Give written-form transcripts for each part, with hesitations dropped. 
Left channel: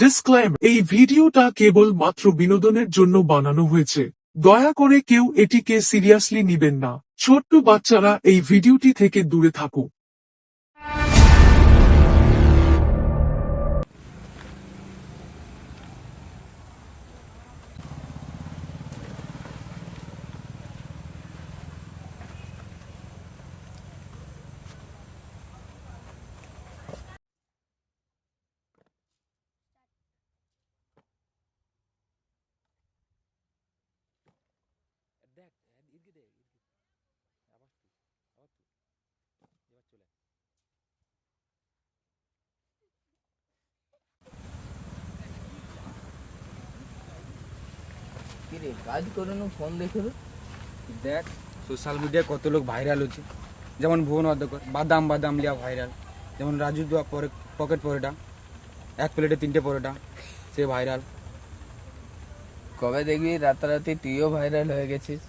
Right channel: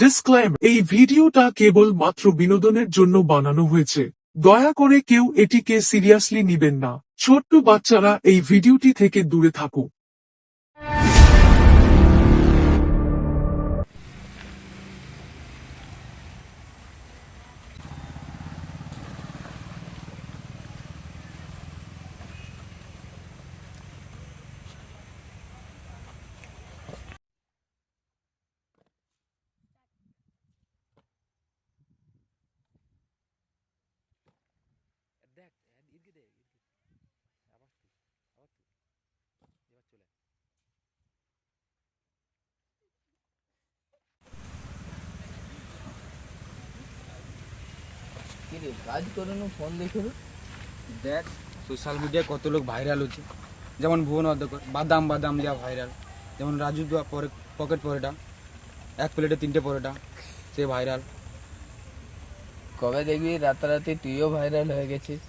ডিসক্লেম এই ভিডিওটা কেবল মাত্র বিনোদনের জন্য বানানো হয়েছে। দয়া করে কেউ এটিকে সিরিয়াসলি নিবেন না। ছোট্ট বাচ্চারা এই ভিডিওটি থেকে দূরে থাকুক। কাজ করে ফোন দেখে দেখ সোশ্যাল মিডিয়ায় কত লোক ভাইরাল হচ্ছে, যেমন ভুবন অধ্যক্ষ বাদাম বাদাম লিয়া ভাইরাল, যেমন রাজু দোয়া পকেট পরোটা, এক প্লেটে 3টে পরোটা, সে ভাইরাল। কবে দেখবি রাতারাতি তুইও ভাইরাল হয়ে গেছিস?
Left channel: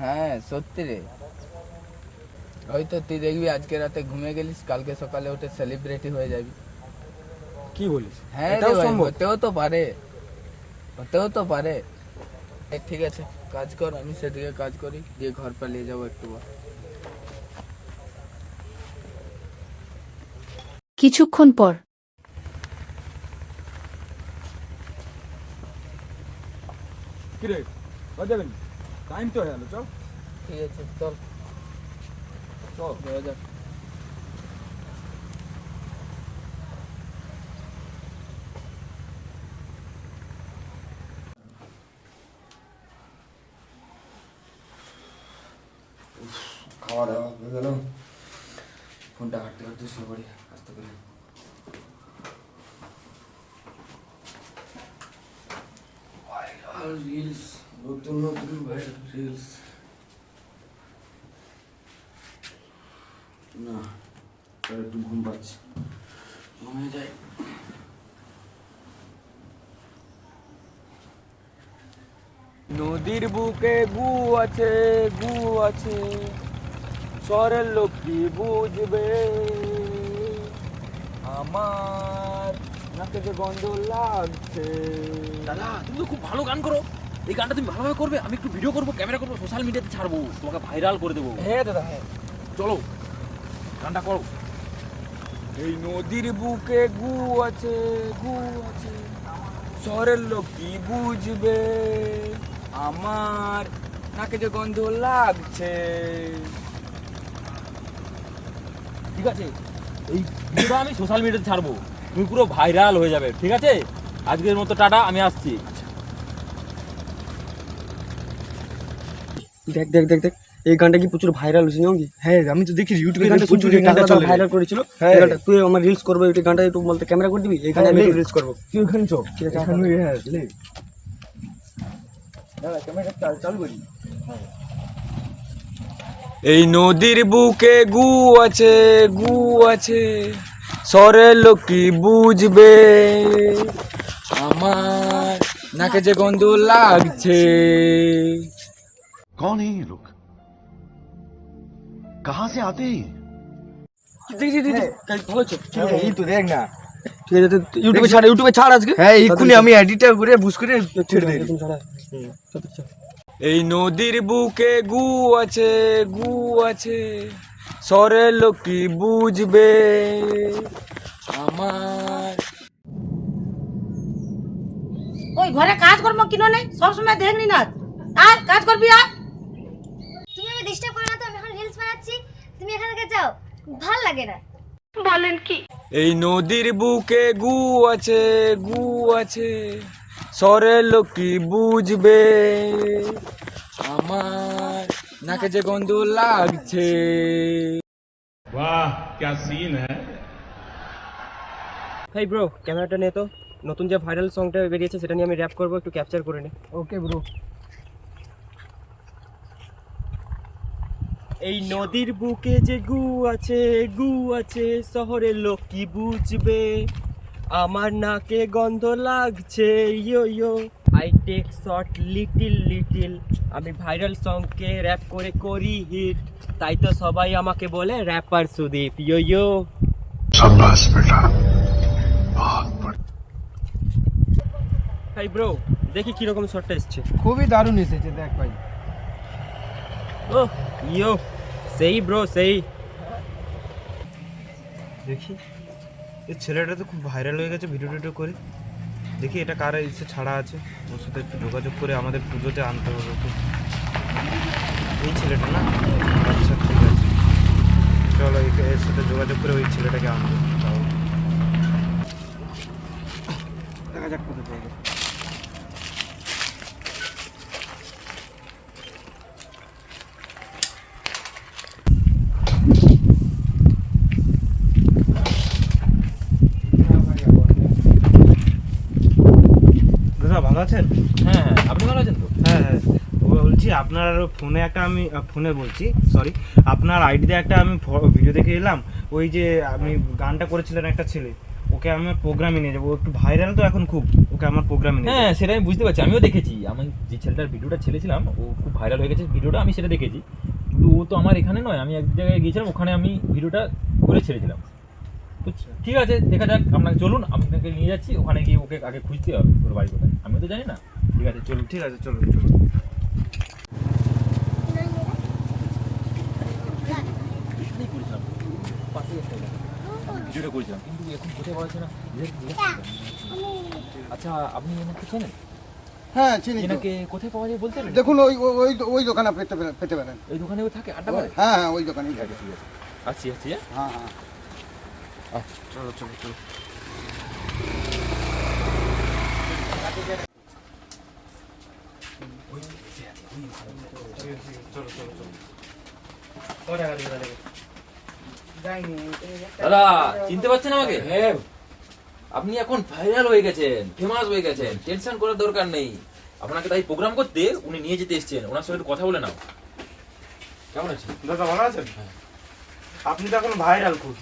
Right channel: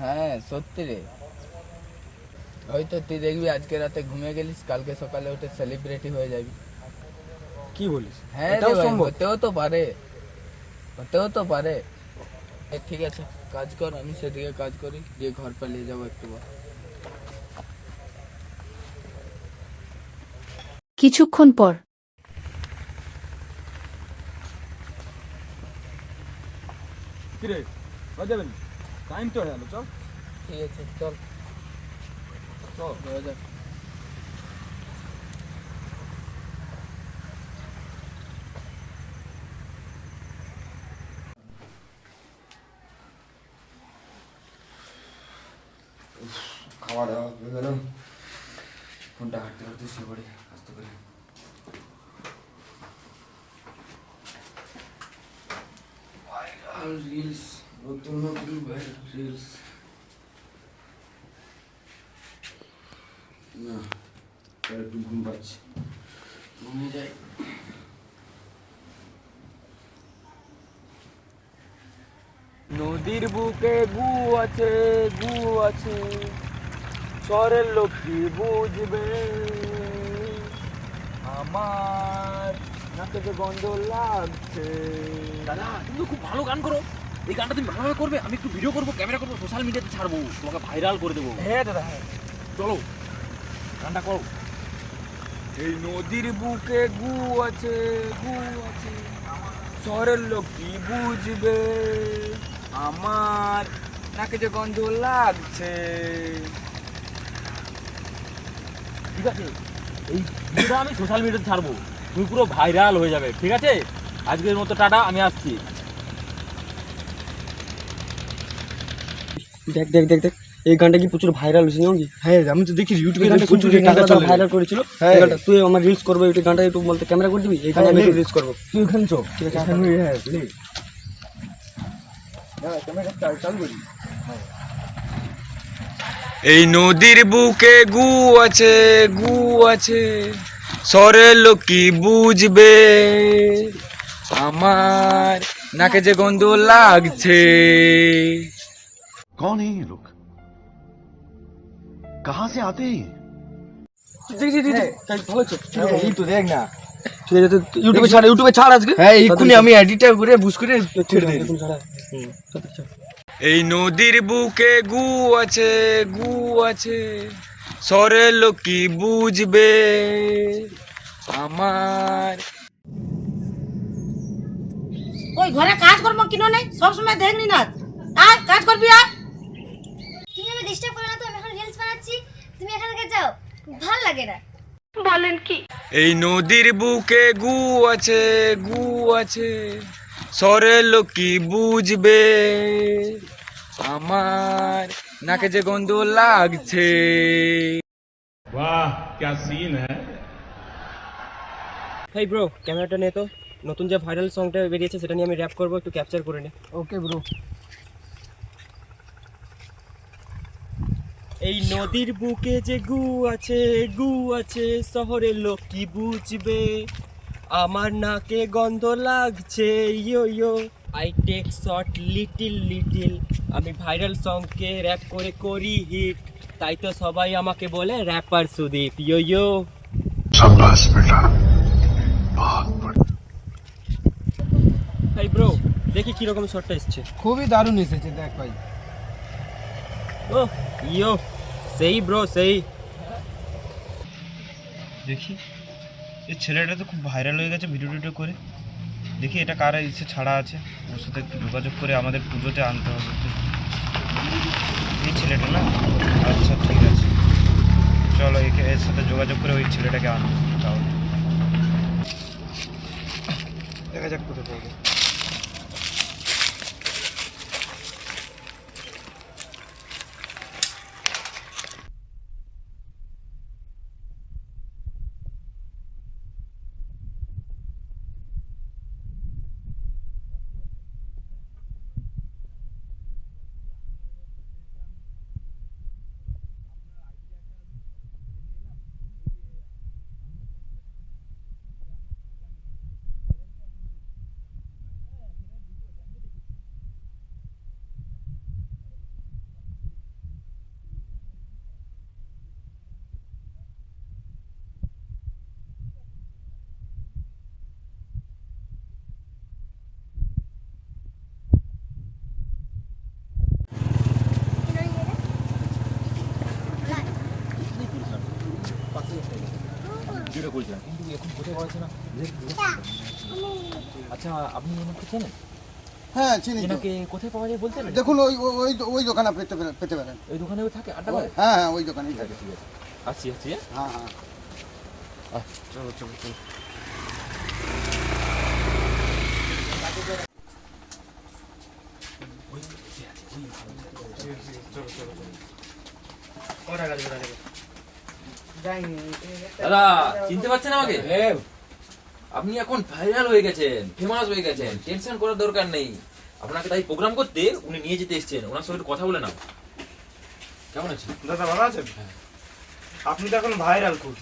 হ্যাঁ সত্যি রে, হয়তো তুই দেখবি আজকে রাতে ঘুমিয়ে গেলিস, কালকে সকালে উঠে সেলিব্রিটি হয়ে যাবি। কি বলিস? হ্যাঁ এটাও রে ভাই, সম্ভব? হতেও তো পারে। ঠিক আছে কাজ কর, আমি সেদিকে কাজ করি, দিয়ে ঘর পালিয়ে যাবো একটু পর। কিছুক্ষণ পর কিরে যাবেন? টাইম তো হয়ে গেল, চল। ঠিক আছে চল চল যাওয়া যাক। খাওয়া দাওয়া হয়ে গেল, ফোনটা হাঁটতে হাঁটতে শুয়ে পড়ি আসতে পারি। রিলস, নতুন নতুন রিলস। না একটু ঘুম পাচ্ছি, ঘুমিয়ে যাই। নদীর বুকে গু আছে, গু আছে, শহরের লোক কি বুঝবে, আমার নাকে যে গন্ধ লাগছে। দাদা তুমি তো খুব ভালো গান করো, এই গানটা তুমি ভালোভাবে করবে, আমি একটু ভিডিও করবো, ক্যামেরা করবো, সোশ্যাল মিডিয়াতে ছাড়বো, তোমাকে ভাইরাল করে দেবো। হ্যাঁ দাদা, হ্যাঁ চলো গানটা করো। এই নদীর বুকে গু আছে, গু আছে, শহরের লোক কি বুঝবে, আমার নাকে যে গন্ধ লাগছে। ঠিক আছে, এই ভিডিওটা আমি সোশ্যাল মিডিয়াতে ছাড়বো, তুমি পুরো ভাইরাল হয়ে যাবে। ঠিক আছে, আজকের মতো টাটা, আমি আসছি। দেখ দেখ দেখ দেখ, এই গানটা কি প্রচুর ভাইরাল হয়েছে জানো কি? হ্যাঁ আমি তো দেখি ইউটিউবে গানটা প্রচুর ভাইরাল করেছিল। হ্যাঁ। এই গানটা তুই আমার রিলস করবে, এই গানটা একটু বলতে ক্যামেরা করে দিবি, এই গানটা আমি রিলস করবো। তুই ওখানে চো, ঠিক আছে, এখানে হ্যাঁ লে দাদা ক্যামেরা চালু করি। এই নদীর বুকে গু আছে, গু আছে, শহরের লোক কি বুঝবে, আমার নাকে যে গন্ধ লাগছে। कौन है ये लोग? कहां से आते हैं? দেখ দেখ দেখ, কাজ ভালো হচ্ছে। এই তো দেখ না, ঠিক আছে, ইউটিউবে ছাড় আজকে। হ্যাঁ এক্ষুনি আমি এডিটর করে বুঝ করে ছেড়ে দিই। এখন ছাড়া। চল। এই নদীর বুকে গু আছে, গু আছে, শহরের লোক কি বুঝবে, আমার। ওই ঘরে কাজ কর্ম কিনো নেই, সব সময় দেখনি না। আয় কাজ করবি, আয়। তুমি আমি ডিস্টার্ব করো না তো, আমি এখন রিলস বানাচ্ছি, তুমি এখান থেকে যাও, ভালো লাগে না। এই নদীর বুকে গু আছে, গু আছে, শহরের লোক কি বুঝবে, আমার নাকে যে গন্ধ লাগছে। वाह क्या सीन है। হেই ব্রো, ক্যামেরাটা নে তো, নতুন যে ভাইরাল সংটা বেরিয়েছে সেটা নিয়ে আমি র‍্যাপ করব, একটু ক্যাপচার করে নে। Okay bro. এই নদীর বুকে যে গু আছে, গু আছে, শহরের লোক কি বুঝবে, আমার নাকে গন্ধ লাগছে, yo yo I take short little little, আমি ভাইরাল সংকে র‍্যাপ করে করি হিট, তাই তো সবাই আমাকে বলে র্যাপার সুদীপ, ইয়ো ইয়ো। এই ব্রো দেখি কিরকম শটটা এসছে। খুবই দারুণ এসেছে দেখ ভাই। ও ইয়ো সেই ব্রো সেই। দেখি এই ছেলেটা তো খুব ভাইরাল হয়ে গেছে ভিডিও টিডিও করে। দেখি এটা কারা এসে ছাড়া আছে, ওর সাথে একটু যোগাযোগ করে আমাদের পুজোতে আনতে হবে ওকে। এই ছেলেটা না? আচ্ছা ঠিক আছে, চলো এর সাথে যোগাযোগ করে ওই ছেলেটাকে আনবো। তাও দেখা যাক কোথায় পাবো। দাদা ভালো আছেন? হ্যাঁ হ্যাঁ, আপনি ভালো আছেন তো? হ্যাঁ হ্যাঁ, বলছি আপনার ফোনে একটা আমি ফোনে বলছি সরি, আপনার আইডিতে একটা আমি ভিডিও দেখে এলাম। ওই যে আপনি গানটা করেছিলেন একটা ছেলে, ওকে আমার প্রোগ্রামে নিয়ে যাবো, ও একটু ভাইরাল তো এখন খুব, ওকে আমার প্রোগ্রামে নিয়ে হ্যাঁ যাবো। সেটা আমি বুঝতে পারছি, আমিও দেখেছি। আমি যে ছেলেটার ভিডিওটা ছেড়েছিলাম ও খুব ভাইরাল হয়ে গেছে ভিডিওটা, আমি সেটা দেখেছি। কিন্তু ও তো আমার এখানে নয়, আমি এক জায়গায় গিয়েছিলাম, ওখানে আমি ভিডিওটা করে ছেড়েছিলাম। তো ঠিক আছে, দেখা যাক, আপনাকে চলুন, আপনাকে নিয়ে যাচ্ছি ওখানে গিয়ে ওকে আগে খুঁজতে হবে ওর বাড়ি কোথায়, আমিও তো জানি না। ঠিক আছে চলুন। ঠিক আছে চলুন চলুন। ভিডিওটা করেছিলাম কিন্তু এখন কোথায় পাওয়া যাচ্ছে না। আচ্ছা আপনি আমাকে চেনেন? হ্যাঁ চিনি তো। এনাকে কোথায় পাওয়া যায় বলতে পারেন? দেখুন ওই ওই ওই দোকানে পেতে পারেন। ওই দোকানে ও থাকে, আড্ডা মারে? হ্যাঁ হ্যাঁ ওই দোকানেই ঠিক থাকে। আছে ঠিক আছে, আসছি আসছি। হ্যাঁ হ্যাঁ চলো চলো চলো। চলো চলো চলো। দাদা চিনতে পারছেন আমাকে? হ্যাঁ, আপনি এখন ভাইরাল হয়ে গেছেন, ফেমাস হয়ে গেছেন, টেনশন করার দরকার নেই। আপনাকে তাই প্রোগ্রাম করতে উনি নিয়ে যেতে এসেছেন, ওনার সঙ্গে একটু কথা বলে নাও। কেমন আছেন? দাদা ভালো আছেন? আপনি তো এখন ভাইরাল খুব,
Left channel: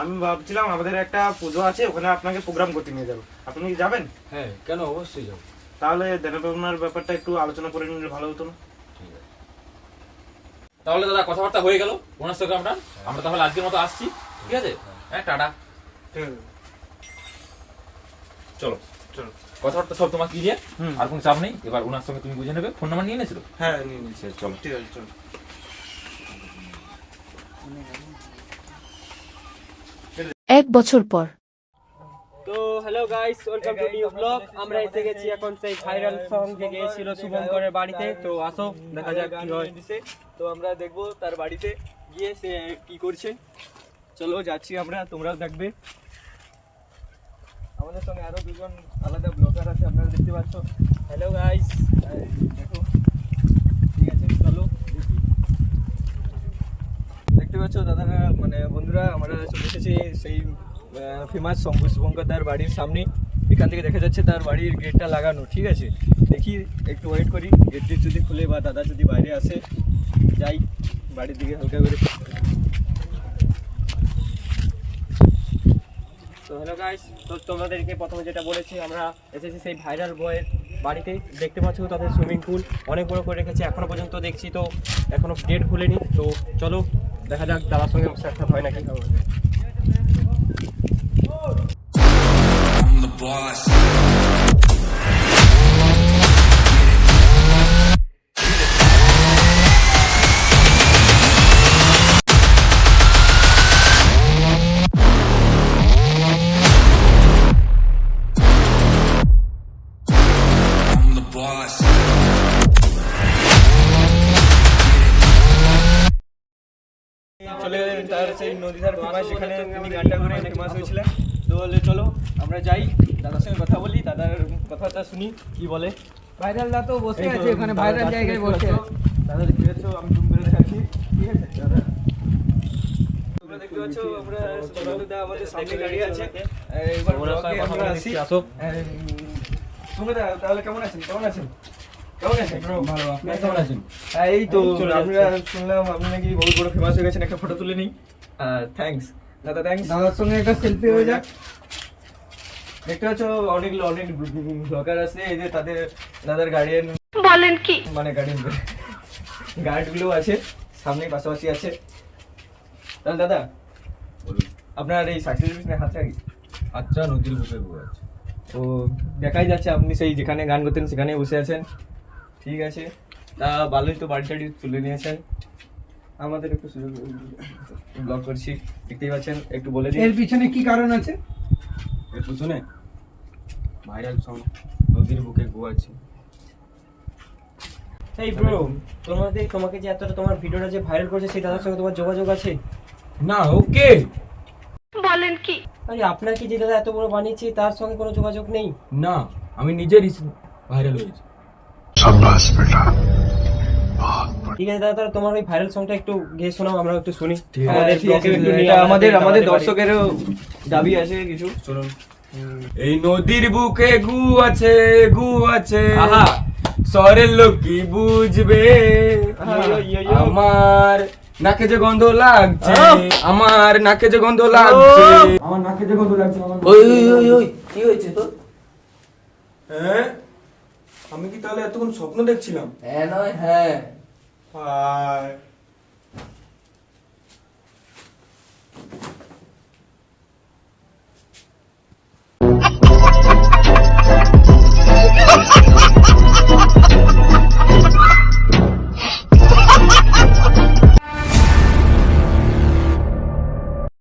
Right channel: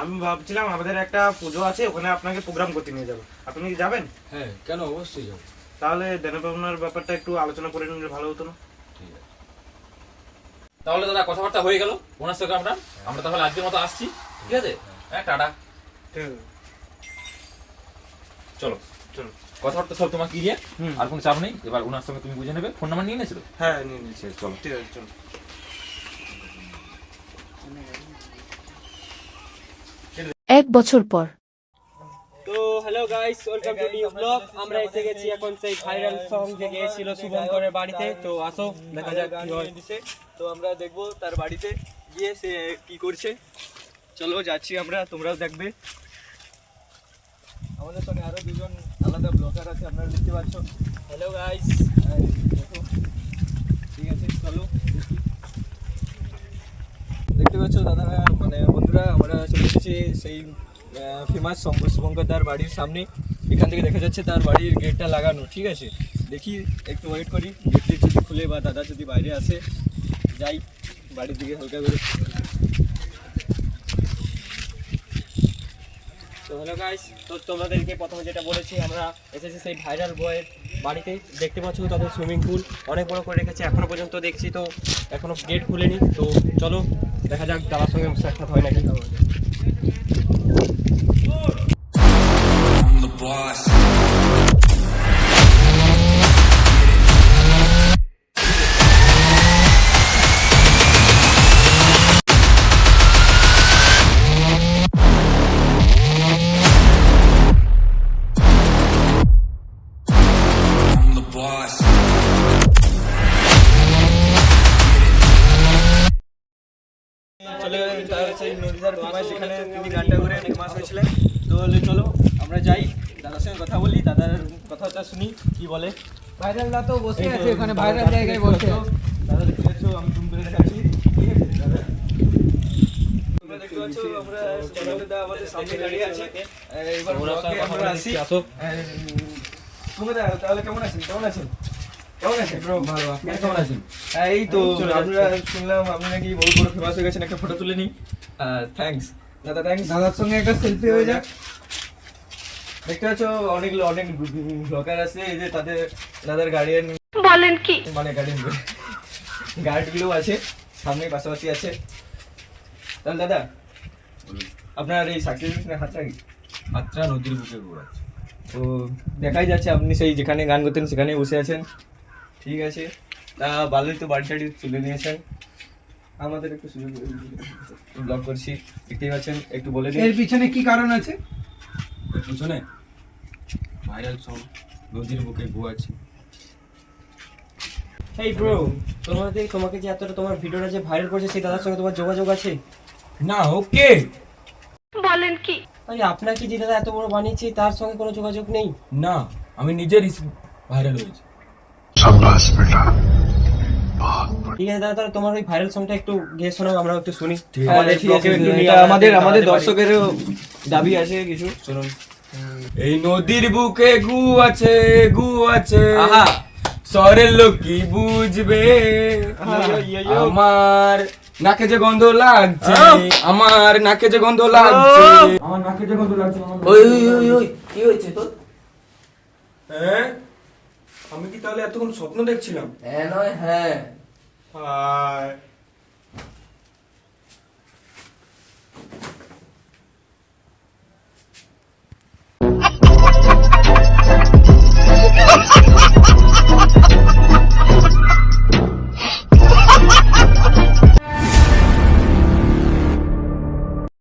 আমি ভাবছিলাম আমাদের একটা পুজো আছে, ওখানে আপনাকে প্রোগ্রাম করতে নিয়ে যাবো, আপনি কি যাবেন? হ্যাঁ কেন, অবশ্যই যাবো। তাহলে দেনাপাওনার ব্যাপারটা একটু আলোচনা করে নিলে ভালো হতো না? তাহলে দাদা কথাবার্তা হয়ে গেল ওনার সঙ্গে, আমরা তাহলে আজকের মতো আসছি। ঠিক আছে, হ্যাঁ টাটা। ঠিক আছে চলো চলো। কথাবার্তা সব তোমার ক্লিয়ার, হুম। আর কোনো চাপ নেই। এবার ওনার সঙ্গে তুমি বুঝে নেবে। ফোন নাম্বার নিয়ে নিয়েছিল? হ্যাঁ নিয়ে নিচ্ছি। চলো। ঠিক আছে চলো। এক বছর পর। তো hello guys, welcome to new blog. আমরা এসে গেছি এখন সেই ভাইরাল সং যে গিয়েছিল শুভঙ্করের বাড়িতে। তো আসো দেখা যাক কি হয়। তো আমরা দেখবো তার বাড়িতে গিয়ে সে কি করছে। চলো যাচ্ছি আমরা, তোমরাও দেখবে। আমাদের সঙ্গে আরো দুজন আলাদা ব্লগার আছে, আপনারা দেখতে পাচ্ছ। হ্যালো গাইস, দেখো ঠিক আছে চলো দেখি। দেখতে পাচ্ছ দাদারা মানে বন্ধুরা, আমরা চলে এসেছি সেই ফেমাস শুভঙ্কর দার বাড়ির সামনে। এখান থেকে দেখা যাচ্ছে তার বাড়ির গেটটা লাগানো। ঠিক আছে, দেখি একটু ওয়েট করি, গেটটি যদি খুলে বা দাদা যদি বাইরে আসে, যাই বাড়ির দিকে হালকা করে। তো হ্যালো গাইস, তো তোমাদেরকে প্রথমে যেটা বলেছি, আমরা এসেছি সেই ভাইরাল বয়ের বাড়িতে। দেখতে পাচ্ছ তাদের সুইমিং পুল অনেক বড় করে রেখেছে, এখনো পর্যন্ত দেখছি তো এখনো গেট খুলেনি। তো চলো দেখা যাক দাদার সঙ্গে সাক্ষাৎ হয় নাকি। চলে গেলেন তার সেই নদীধার ফেমাস, যেখানে তিনি গানটা করে ফেমাস হয়েছিলেন। তো বলে চলো আমরা যাই, দাদার সঙ্গে কথা বলি, দাদার কথাটা শুনি কি বলে। ভাইরাল দা তো বসে আছে ওখানে, ভাইরাল জায়গায় বসে। দাদা দেখতে পাচ্ছ, আমি জুম করে দেখাচ্ছি। ঠিক আছে দাদা, তোমরা দেখতে পাচ্ছ আমরা দা আমাদের সামনে দাঁড়িয়ে আছে। এবার আমরা আসি। আসো। সুমদা তাহলে কেমন আছেন? কেমন আছেন? কেমন আছেন ব্রো? ভালো, আপনি কেমন আছেন? এই তো আমরা শুনলাম আপনি নাকি বহুত বড় ফেমাস হয়ে গেছেন, একটা ফটো তুলে নিই। থ্যাঙ্কস দাদা, থ্যাঙ্কস। দাদার সঙ্গে একটা সেলফি হয়ে যাক। দেখতে পাচ্ছ অনেক অনেক ব্লগার আছে, এই যে তাদের দাদার গার্ডিয়ান বলেন কি? মানে গার্ডিয়ান গার্ডগুলো আছে সামনে পাশাপাশি আছে। তাহলে দাদা আপনার এই সাকসেস হাতটা কি? আচ্ছা নদীর বুকে গু আছে। তো দেখাই যাচ্ছে আপনি সেই যেখানে গান করতেন সেখানেই বসে আছেন। ঠিক আছে, তা ভালোই তো বাড়ি টাড়ি তুলে নিয়েছেন। আমাদের একটু সুযোগ ব্লগ করছি, দেখতেই পাচ্ছেন, একটু বলে দিন। এর পিছনে কি কারণ আছে? এর পিছনে ভাইরাল সং নদীর বুকে গু আছে। এই ব্রো, তোমাকে যে এতটা তোমার ভিডিওটা যে ভাইরাল করেছে সেই দাদার সঙ্গে তোমার যোগাযোগ আছে? না ওকে বলেন কি? আরে আপনাকে যে দাদা এত বড় বানিয়েছে তার সঙ্গে কোনো যোগাযোগ নেই? না, আমি নিজের ভাইরাল হয়েছি। ঠিক আছে দাদা, তাহলে তোমার ওই ভাইরাল সংটা একটু গেয়ে শোনাও, আমরা একটু শুনি। ঠিক আছে, আমাদের ঠিক আছে, vlog একটু নিয়ে এটা আমাদের আমাদের দেখাতে পারি। দর্শকেরও দাবি আছে কিছু। শুনুন। এই নদীর বুকে গু আছে, গু আছে, আহা। শহরের লোক কি বুঝবে, আমার নাকে যে গন্ধ লাগছে, আমার নাকে যে গন্ধ লাগছে, আমার নাকে যে গন্ধ লাগছে, কি হয়েছে তোর? হ্যাঁ আমি কি তাহলে এতক্ষণ স্বপ্ন দেখছিলাম? হ্যাঁ নয় হ্যাঁ। হায়